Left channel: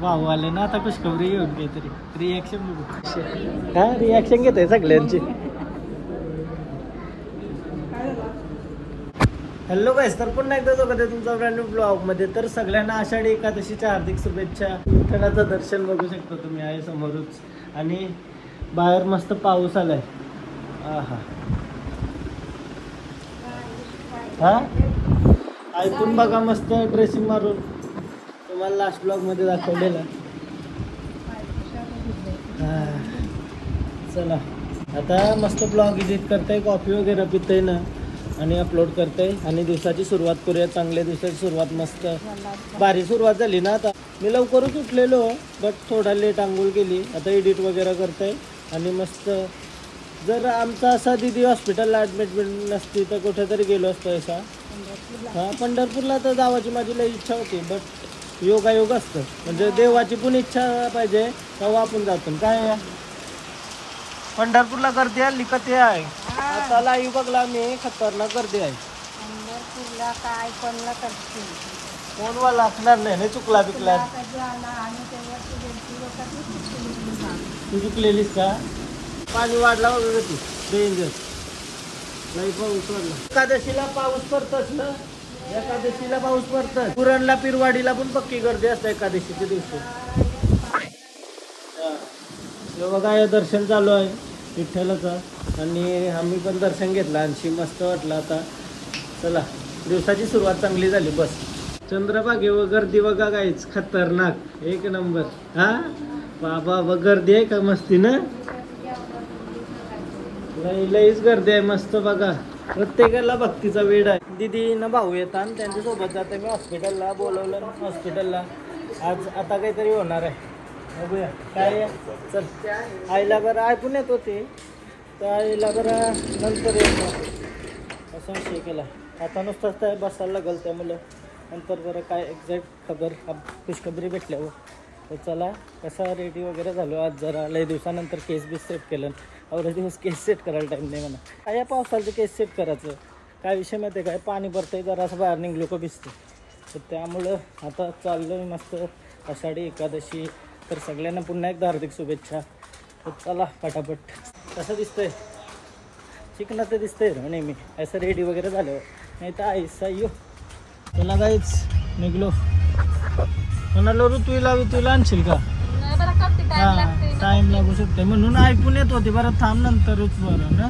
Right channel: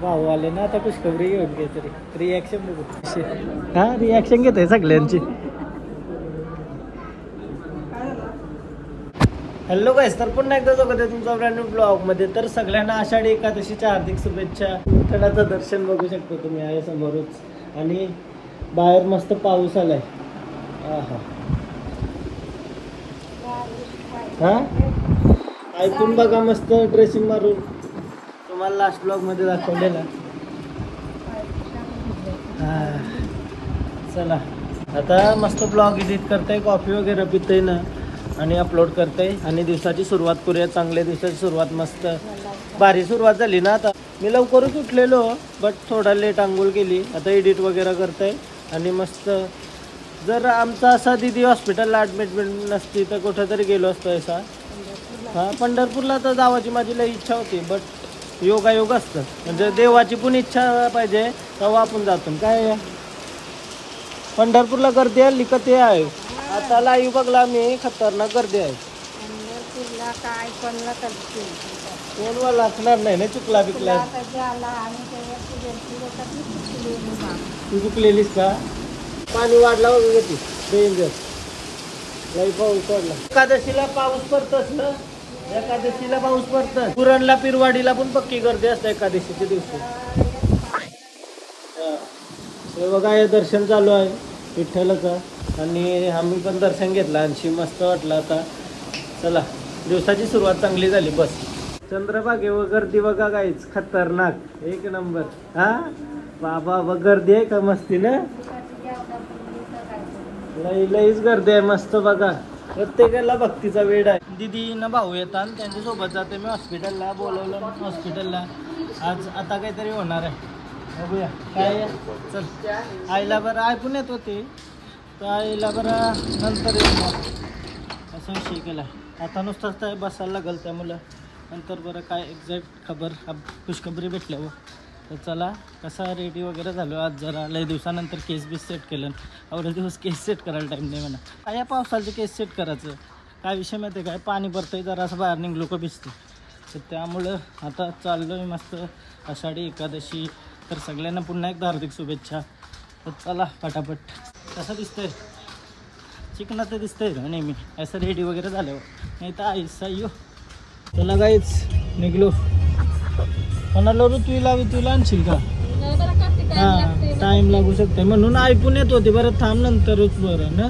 भाऊ आले ना आता खुशखबरी घेऊन काहीतरी रिॲक्शन बघू. हा रिॲक्शन घेत आहे सगळ्यांची. हॅलो गाईस, तर पुन्हा एकदा बघत आहे तुमचा ब्रँड न्यू ब्लॉग मध्ये. तर सगळ्यांना आषाढी एकादशीच्या हार्दिक शुभेच्छा. विठ्ठलाचं दर्शन बघू शकतो तुम्ही आहे समोरच. आणि बाहेर मस्त पाऊस आलाय. हा ऐकून बघा मस्त ड्रेसिंग मारून. तुम्हाला लास्ट ब्लॉग मध्ये दाखवलेला. चला आता मस्त ब्लॉग एडिट करताय, कॉफी वगैरे पितय ना आणि अपलोड करते. आणि दिवसाची सुरुवात करूया. चांगल्या दिवसाची सुरुवात, मस्त भारी सुरुवात झाली ना. आता मी लवकरच उठलेलो बट थोडा लेट आंघोळ केली. आता एडिट वगैरे करते आणि मस्त. जर आमचा असा दिदी हॉस्पिटलला ॲडमिट नसती तर कुठेतरी गेलो असतो असा. हा पंढरपूरला तर जावाची माझी लई इच्छा होती बट योगायोग असतं. म्हणजे देवाची पण इच्छा पाहिजे तेव्हा आपण जातो. काय पंढरपूरला गर्दी आली का ते आहे. आता लाईव्ह बघला मी, खतरनाक गर्दी आहे. कोण वाला असणार नाही ना, चुकला बिकला. तू चुकलेलीस का. पाणी वाढला वगैरे ती डेंजर. लई पाऊस वाढला. एकादशीला पाऊस पडतच ना, एकादशीला पाऊस पडतच. पुरणला पिरवाडीला पण पक्की गर्दी असते एकादशीच्या दिवशी. हे बघा हे दर्शन चालू आहे विठ्ठलाचं आणि आम्ही पण दर्शन घेतलं आणि मस्त वाटलं. आता चला दिवसाची सुरुवात चांगली झाली. बस चंद्रभागेवर गर्दी बघा गाईच, खतरनाक एक नंबर. हा बाबा गर्दी आहे का मस्ती ना. लईच गर्दी आहे मस्त बघा. प्रत्येकाला भक्तीचा वेळ आहे. दिदी न भाऊ येतात त्यांच्यासोबत जाते मी हॉस्पिटलला. बोलवलं हॉस्पिटलला आज. आता काहीतरी होणार आहे बघूया काय. चल आईला बरं ऐकून येत होते तर आईला बरं नंतर येणार असं विषय केला. आता नुसतंच काय बसायला लागेल त्यामुळं नंतर बरं काय एक्झॅक्ट खबर खुशखबरी भेटल्यावर. तर चला कसा रेडी वगैरे झालो. आज जरा लय दिवसानंतर केस बीस सेट केलं. एवढे दिवस केस सेट करायला टाईम नाही म्हणा. काय या पावसाचं केस सेट करायचं काय विषय माहिती आहे काय. पाणी पडतंय जरा असं बाहेर निघलो का भिजते. तर त्यामुळं आता चाललो आहे मस्त. आषाढी एकादशी तर सगळ्यांना पुन्हा एकदा हार्दिक शुभेच्छा. तर चला पटापट. कसं दिसतंय चिकना तर दिसतंय ना नेहमी असं रेडी वगैरे झाल्यावर. नाही तर आईसा यो. चला जायच निघलो. कोणाला ऋतूला आणशील का. टाइम लागू शकते म्हणून ऐकून येत होते. बरं थांब नंतरच बरं ना.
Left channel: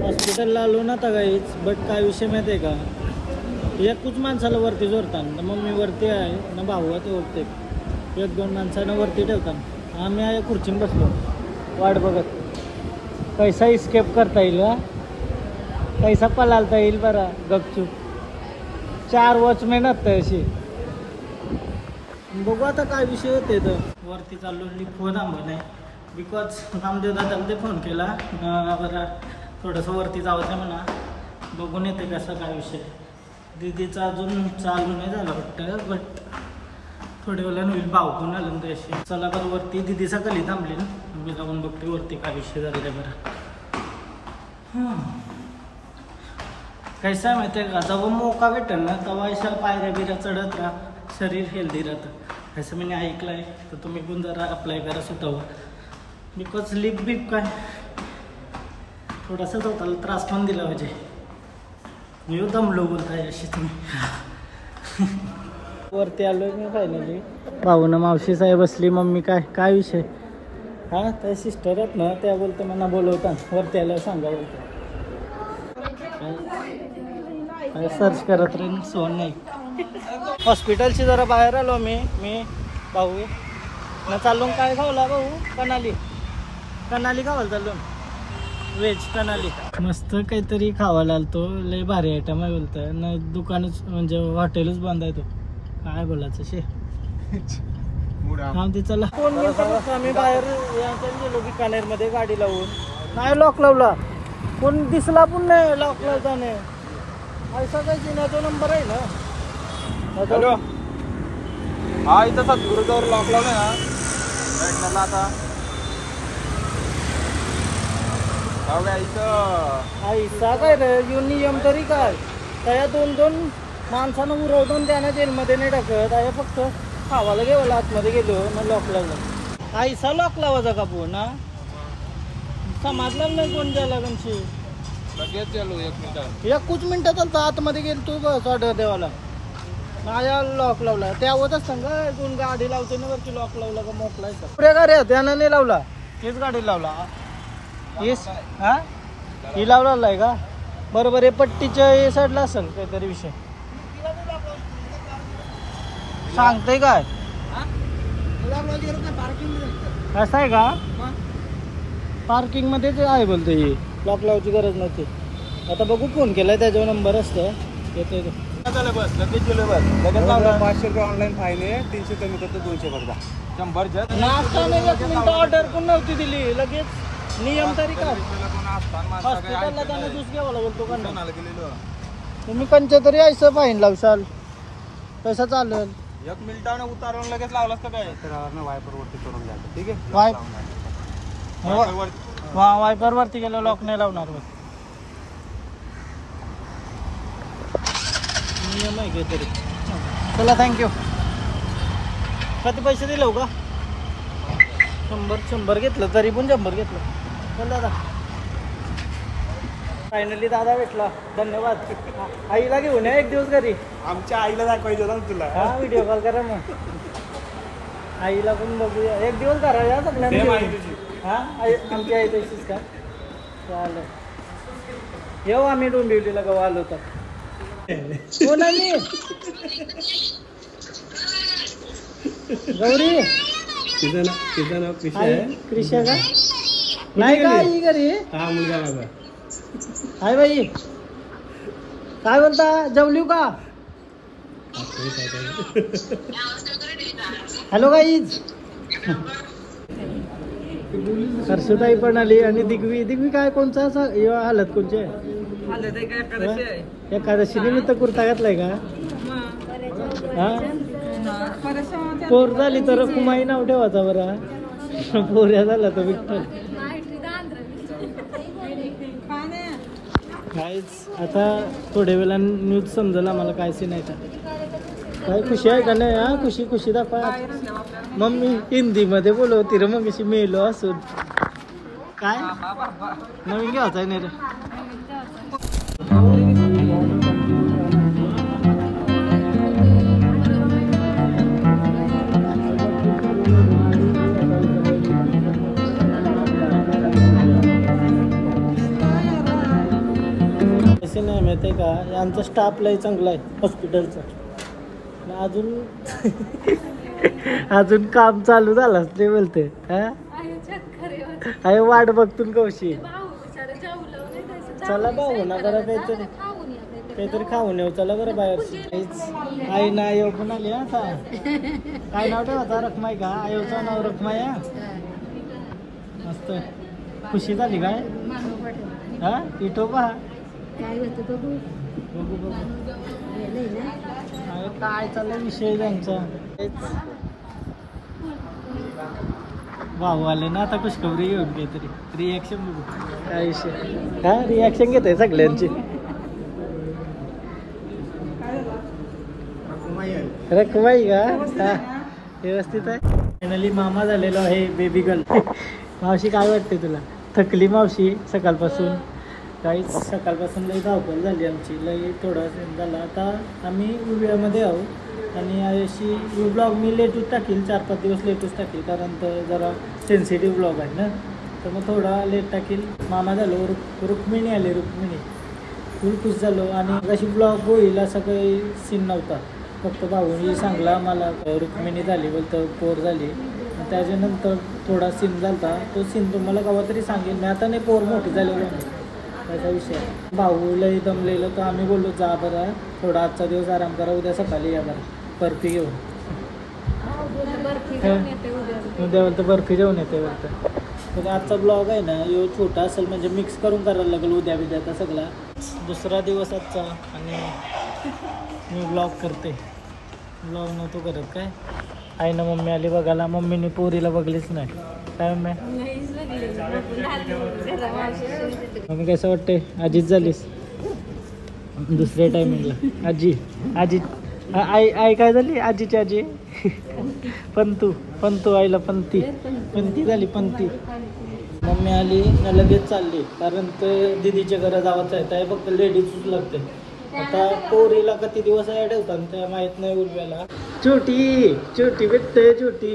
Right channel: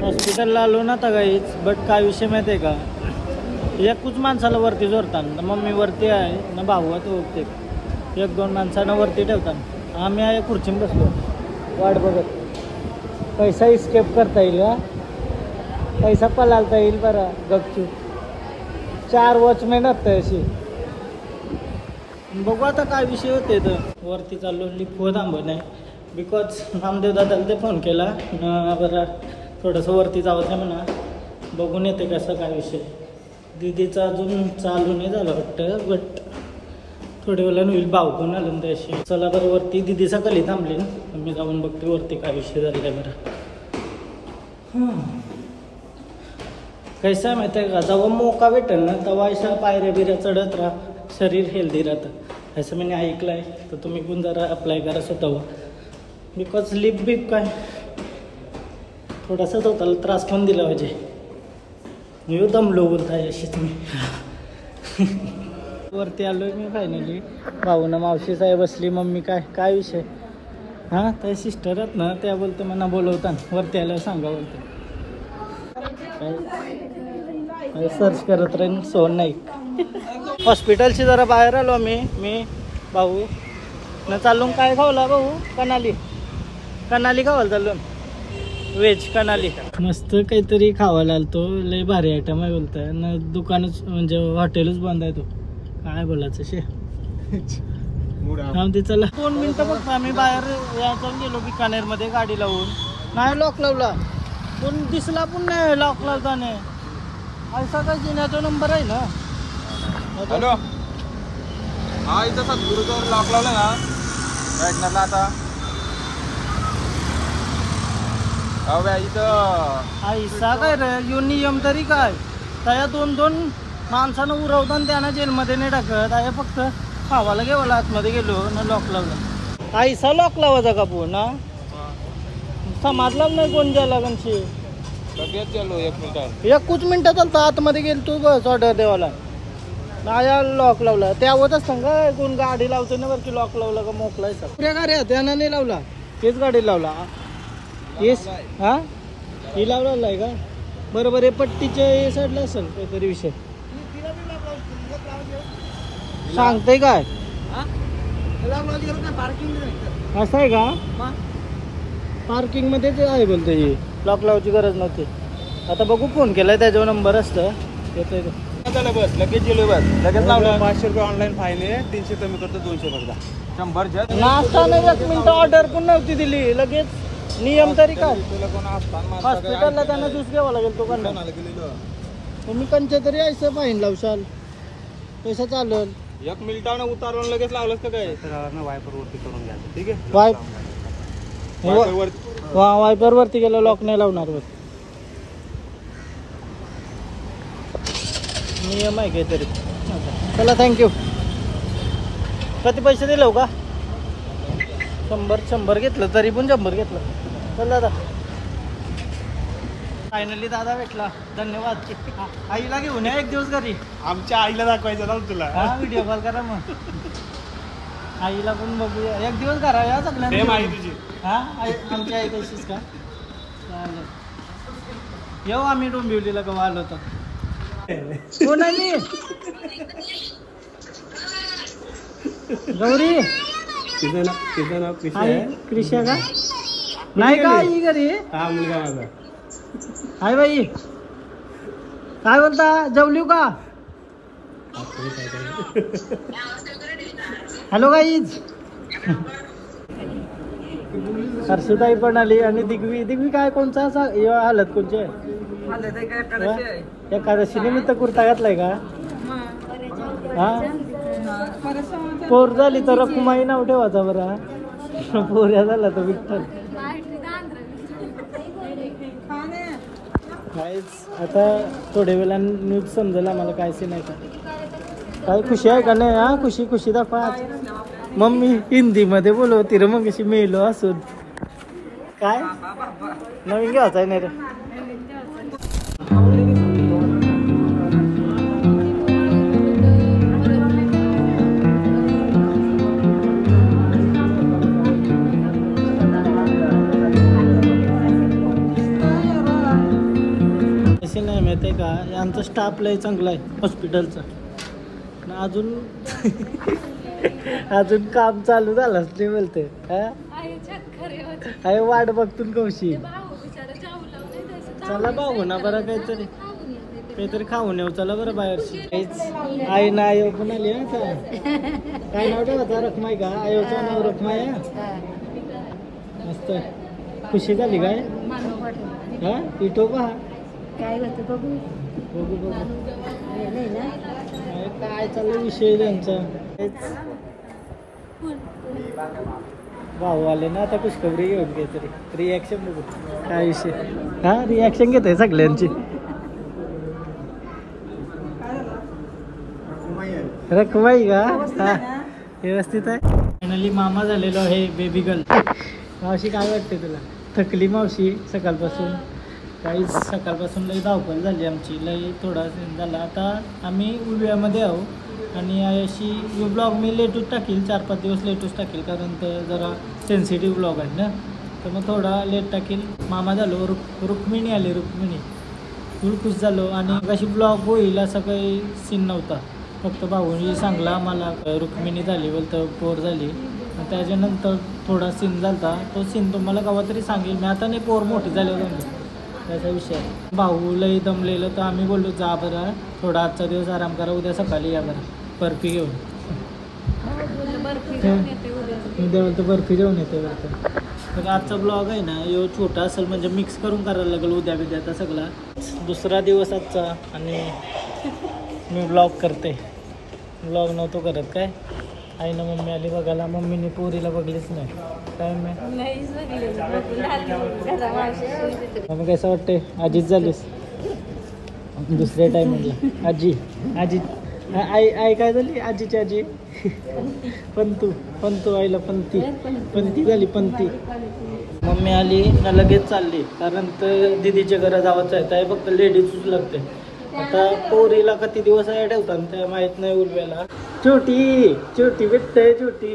हॉस्पिटलला आलो ना तर काहीच. बट काय विषय माहिती आहे का, एकूच माणसाला वरती जोडतात. मम्मी वरती आहे ना, भाऊ आहे ते. एक दोन माणसांना वरती ठेवतात. आम्ही आहे खुर्चीन बसलो वाट बघत. पैसा इस्केप करता येईल का, पैसा पलालता येईल बरं गपचूप. 4 वॉचमॅन असतं अशी. बघू आता काय विषय होते. तर वरती चाललो. लिफ्ट थांबत नाही बिकॉज नामदेव दादाला ते फोन केला बरं थोडंसं वरती जावं आहे म्हणा. बघून येते कसं काय विषय. दिदीचा अजून चालू नाही झालं वाटतं बट थोड्या वेळानं होईल. भाऊ कोण आलं ना अशी. चला बरं वरती. दिदी सकाळी थांबली ना, मी जाऊन बघते वरती काय विषय झालेला आहे बरं. कैसा आहे माहिती आहे का, जेव्हा मोका भेटेल ना तेव्हा अशा पायऱ्या बिऱ्या चढत राहा, शरीर हेल्दी राहतं असं मी ऐकलं आहे. तर तुम्ही पण जरा अप्लाय करा स्वतःवर. बिकॉज लिप बीप काय थोडासा स्वतःला त्रास पण दिला पाहिजे. मी दमलो बोलताय अशी तुम्ही. वरती आलोय मी फायनली. भाऊनं मावशी साहेब बसली. मम्मी काय विषय. हां त्या सिस्टर आहेत ना, त्या बोलते मला बोलवतात वरती आल्यावर सांगा बोलते. सर्च करत राहीन सोन नाही. हॉस्पिटलची जरा बाहेर आलो मी भाऊ न चालून. काय खावला भाऊ. कनाली खावायला चाललो. व्हेज कनाली मस्त काहीतरी खावायला आलतो. लय भारी आयटम आहे बोलताय ना. दुकानच म्हणजे हॉटेलच बंद आहे. तो काय बोलायचं शे. ते चला 2 मिनिटं बघ. आम्ही बाहेर यायचं गेलो बिकानेरमध्ये गाडी लावून. नाही लॉक लावला. कोण दिसला पण नाही लॉक लावताना. ऐसा काय जिन्याचा नंबर आहे ना. हॅलो हा इथं सद्गुरुजवळ लॉकिंग आता आईसा काय रे यो नियम तरी काय त्या 2-2 माणसानं उरवतो आणि त्यांना जेलमध्ये नाही टाकत. आहे फक्त खावाला गेला आतमध्ये गेलो ना लॉक लावला. आईसा लॉक लावायचा का पो ना समाजला नाही कोण द्यायला लागणशी 1 मिनिटात चालतं आतमध्ये गेल तू बस ऑर्डर देवाला आया लॉक लावला त्यावरच सांगा कोण गाडी लावतो ना वरती लॉक लावला का मोकलाय सर पुऱ्या गाड्या त्यानं नाही लावला तेच गाडी लावला येस हा ही लावला आहे का बरोबर आहे पट्टीच्या हे साईडला असेल काहीतरी विषय सांगतय काय असं आहे का पार्किंग मध्येच आहे बोलतो ही लॉक लावायची गरज नव्हती. आता बघू फोन केलाय त्याच्यावर नंबर असतं येतोय बस लगेच गेलो बस लगेच 500 रुपये ऑनलाईन फाईन आहे 300 कमी करतो 200 फक्त 100 नाश्ता नाही 1 मिनिट ऑर्डर पण नव्हती दिली लगेच नियम तरी काय हॉस्पिटलला त्यानं ज्यूस घ्यावा लागेल तो कंडा तुम्ही कंच्या तरी यायचं फाईन लावशाल पैसा चालेल 1 मिनिटानं उतारून लगेच लावलास का काय तर वायपर वरती करून घ्या ठीक आहे वायपर वरती गेला लॉक नाही लावणार नियम आहे घे तरी चला थँक्यू किती पैसे दिलो का 100 घेतलं तरी पण 100 घेतलं चल दादा फायनली दादा भेटला धन्यवाद आईला घेऊन या 1 दिवस घरी आमच्या आईला दाखवायचं ना तुला हा व्हिडिओ कॉल करा मग आईला पण बघूया 1 दिवस करा या सगळ्यांना हा आमची आई तशीच का चालेल येऊ आम्ही डोंबिवलीला केव्हा आलो तर तिचं नाव कृषी आहे कृषी हा मुलगा माझा हाय बाई काय बोलता जेवली का हॅलो गाईज हर्षताई पण आली आणि दिग्वी काय कोणचा हालत कोणची आहे एकादशी निमित्त कुर्ता घातलाय का हा पोर झाली तर रकुमाई नाव ठेवायचा बरा पोऱ्या झाला तर विठ्ठल काहीच आता थोड्या वेळा न्यूज समजेल आम्हाला काय सीन आहे का काय खुशी आहे का नाही हा खुशी दाखवा मम्मी हिंदी मध्ये बोलवती रे मग कशी मेलो असून काय नवीन घ्यायचं आहे नाही रे नाही माहिती आहे का आमचा स्टाफ लय चांगला आहे हॉस्पिटलचा अजून काम चालू झालं ते बोलते हा वाट बघतून कौशी चला भाऊ ना बरं काहीतरी खाऊन येऊ चला बरं बाहेरची आई ना आयो पण आली हा काय नाव ठेवायचा रखमाई का आयोचं नाव रखमाई मस्त खुशी झाली काय हा इटो पहा काय होतं बघू काय चाललं विषय त्यांचा भाऊ आले ना आता खुशखबरी घेऊन काहीतरी रिॲक्शन बघू काय विषय हा रिॲक्शन घेत आहे सगळ्यांची रखमाई का व्यवस्थित आहे फायनली मामा झालेलो आहे बेबी गर्ल मावशी काय वाटते तुला थकली मावशी सकाळपासून काहीच सकाळपासून लई धावपळ झाली आमची लई थोडा झाला आता आम्ही उव्यामध्ये आहो आणि अशी ब्लॉग मी लेटच टाकील 4-5 दिवस लेटच टाकील कारण तर जरा सेन्सिटिव्ह ब्लॉग आहे ना तर मग थोडा लेट टाकील मामा झालो रुक्मिणी आली रुक्मिणी फुल खुश झालो आणि अशी ब्लॉग होईल असा काही सीन नव्हता फक्त भाऊनी सांगला मला रुक्मिणी झाली बोलतं पोर झाली त्याच्यानंतर थोडा सीन झाला तो सीन तुम्हाला केव्हा तरी सांगेल मी आता नाही पोर मोठी झाली त्याचा विषय भाऊ लई दमलेलं तर आम्ही बोललो जा बरं थोडा आजचा दिवस आराम करा उद्या सकाळी या बरं बर्फी घेऊन उद्या बोलतं बर्फी घेऊन येते बोलतं तर आजचा ब्लॉग आहे ना यो छोटा असेल म्हणजे मिक्स करून करायला लागेल उद्या आता सगळा दुसरा दिवस आजचा आणि मी ब्लॉग करते ब्लॉग नव्हतो करत काय आई ना मम्मी आली बघायला मम्मीने पोरीला बघलीच नाही टाइम आहे. मग कसं वाटतंय आजीच झालीस दुसऱ्या टायमिंगला? आजी आई काय झाली? आजीची आजी पंतू आईला पंती झाली पंती. मम्मी आली ना लगेच चालली, कारण तर दिदीच्या घरा जावंच आहे, फक्त लेडीजच लागते. आता पोरीला किती दिवस आहे ठेवतात त्या माहित नाही. उर्व्याला छोटी भेटते, छोटी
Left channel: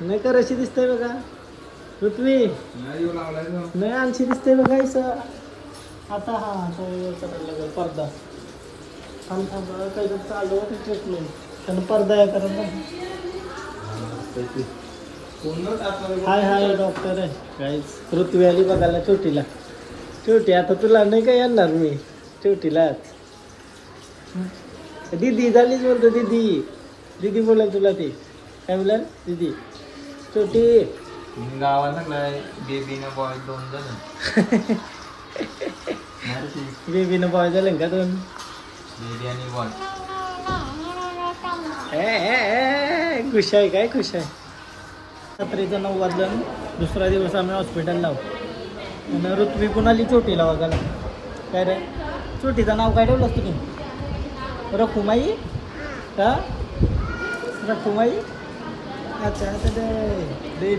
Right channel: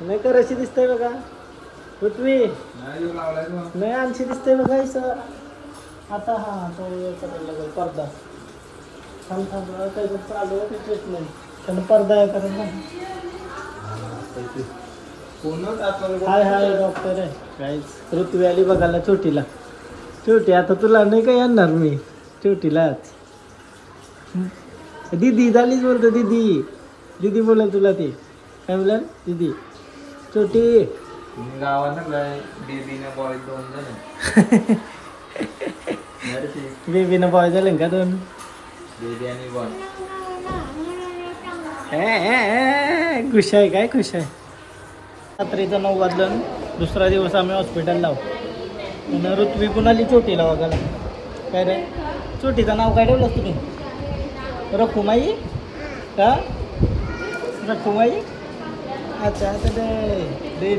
नाही का अशी दिसतंय बघा. पृथ्वी नाही आणशी दिसतंय बघा असं. आता करायला लागेल पडदा. काही चालू आहे ट्रीटमेंट, त्यानं पडदा आहे कारण हाय डॉक्टर आहे. काहीच पृथ्वी आली बघायला छोटी. आता तुला नाही काय आणणार मी छोटीलाच. दीदी झालीच बोलतो, दीदी बोला तुला ती काय बोला दीदी. छोटी गावात बेबीना बॉय 2 जण. बेबीना बॉय झाले का 2? बेबी आणि बॉय खुश आहे काय? खुश आहे. रात्रीचं 9 वाजलं, दुसरा दिवस आम्ही हॉस्पिटलला आहोत. ऋत्वी पण आली छोटीला बघायला. काय रे छोटीचं नाव काय ठेवलं तुम्ही? रखुमाई का? रखुमाई. अच्छा आता ते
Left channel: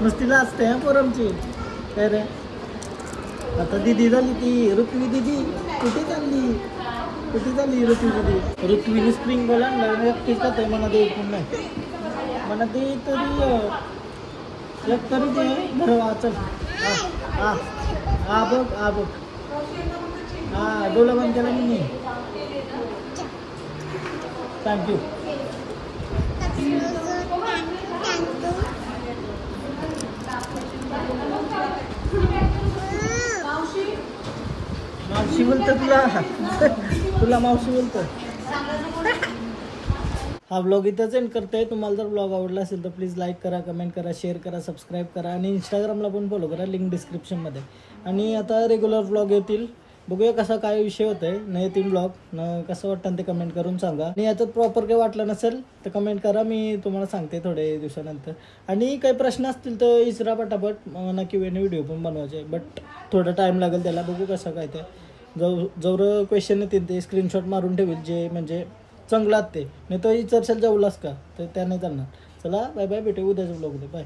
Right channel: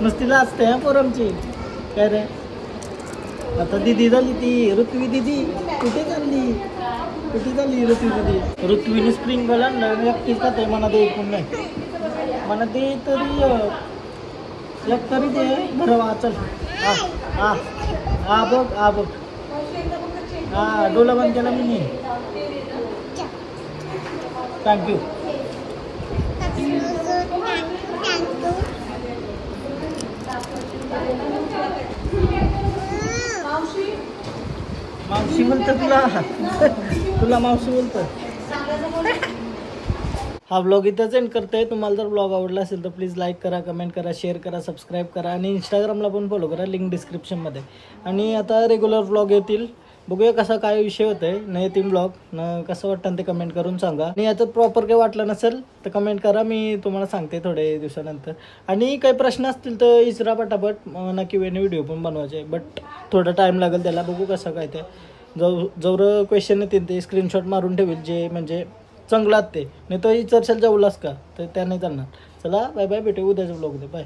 नुसती लाजते हा पोरमची. काय रे आता दिदी झाली ती ऋत्वी दिदी. कुठे चालली ऋत्वी दिदी? ऋत्वीने स्प्रिंग बॉल आणलं, एकटीच आहे म्हणा दे. पण नाही म्हणा दे तरी एक तरी दे बरं. चल बघ डोला बंद केला मी. थँक्यू. मावशी बोलतो तुला मावशी बोलतो. हा व्लॉग इथंच एंड करतोय. तुम्हाला जर व्लॉग आवडला असेल तर प्लीज लाईक करा, कमेंट करा, शेअर करा, सबस्क्राईब करा आणि इंस्टाग्रामला पण फॉलो करा, लिंक डिस्क्रिप्शनमध्ये. आणि आता रेग्युलर व्लॉग येतील. बघूया कसा काय विषय होतोय. नाही येतील व्लॉग न कसं वाटतं ते कमेंट करून सांगा. आणि याच्यात प्रॉपर काही वाटलं नसेल तर कमेंट करा, मी तुम्हाला सांगते थोड्या दिवसानंतर. आणि काही प्रश्न असतील तर विचारा पटापट. नक्की व्हिडिओ पण बनवायचे, बट थोडा टाईम लागेल त्याला. बघू कसं काय ते. जवळ क्वेश्चन येतील ते स्क्रीनशॉट मारून ठेवेल, जे म्हणजे चांगलात ते. नाही तर विचारशाल जेवलास का तर त्या नाही चालणार. चला बाय बाय, भेटू उद्याच्या व्लॉगमध्ये. बाय.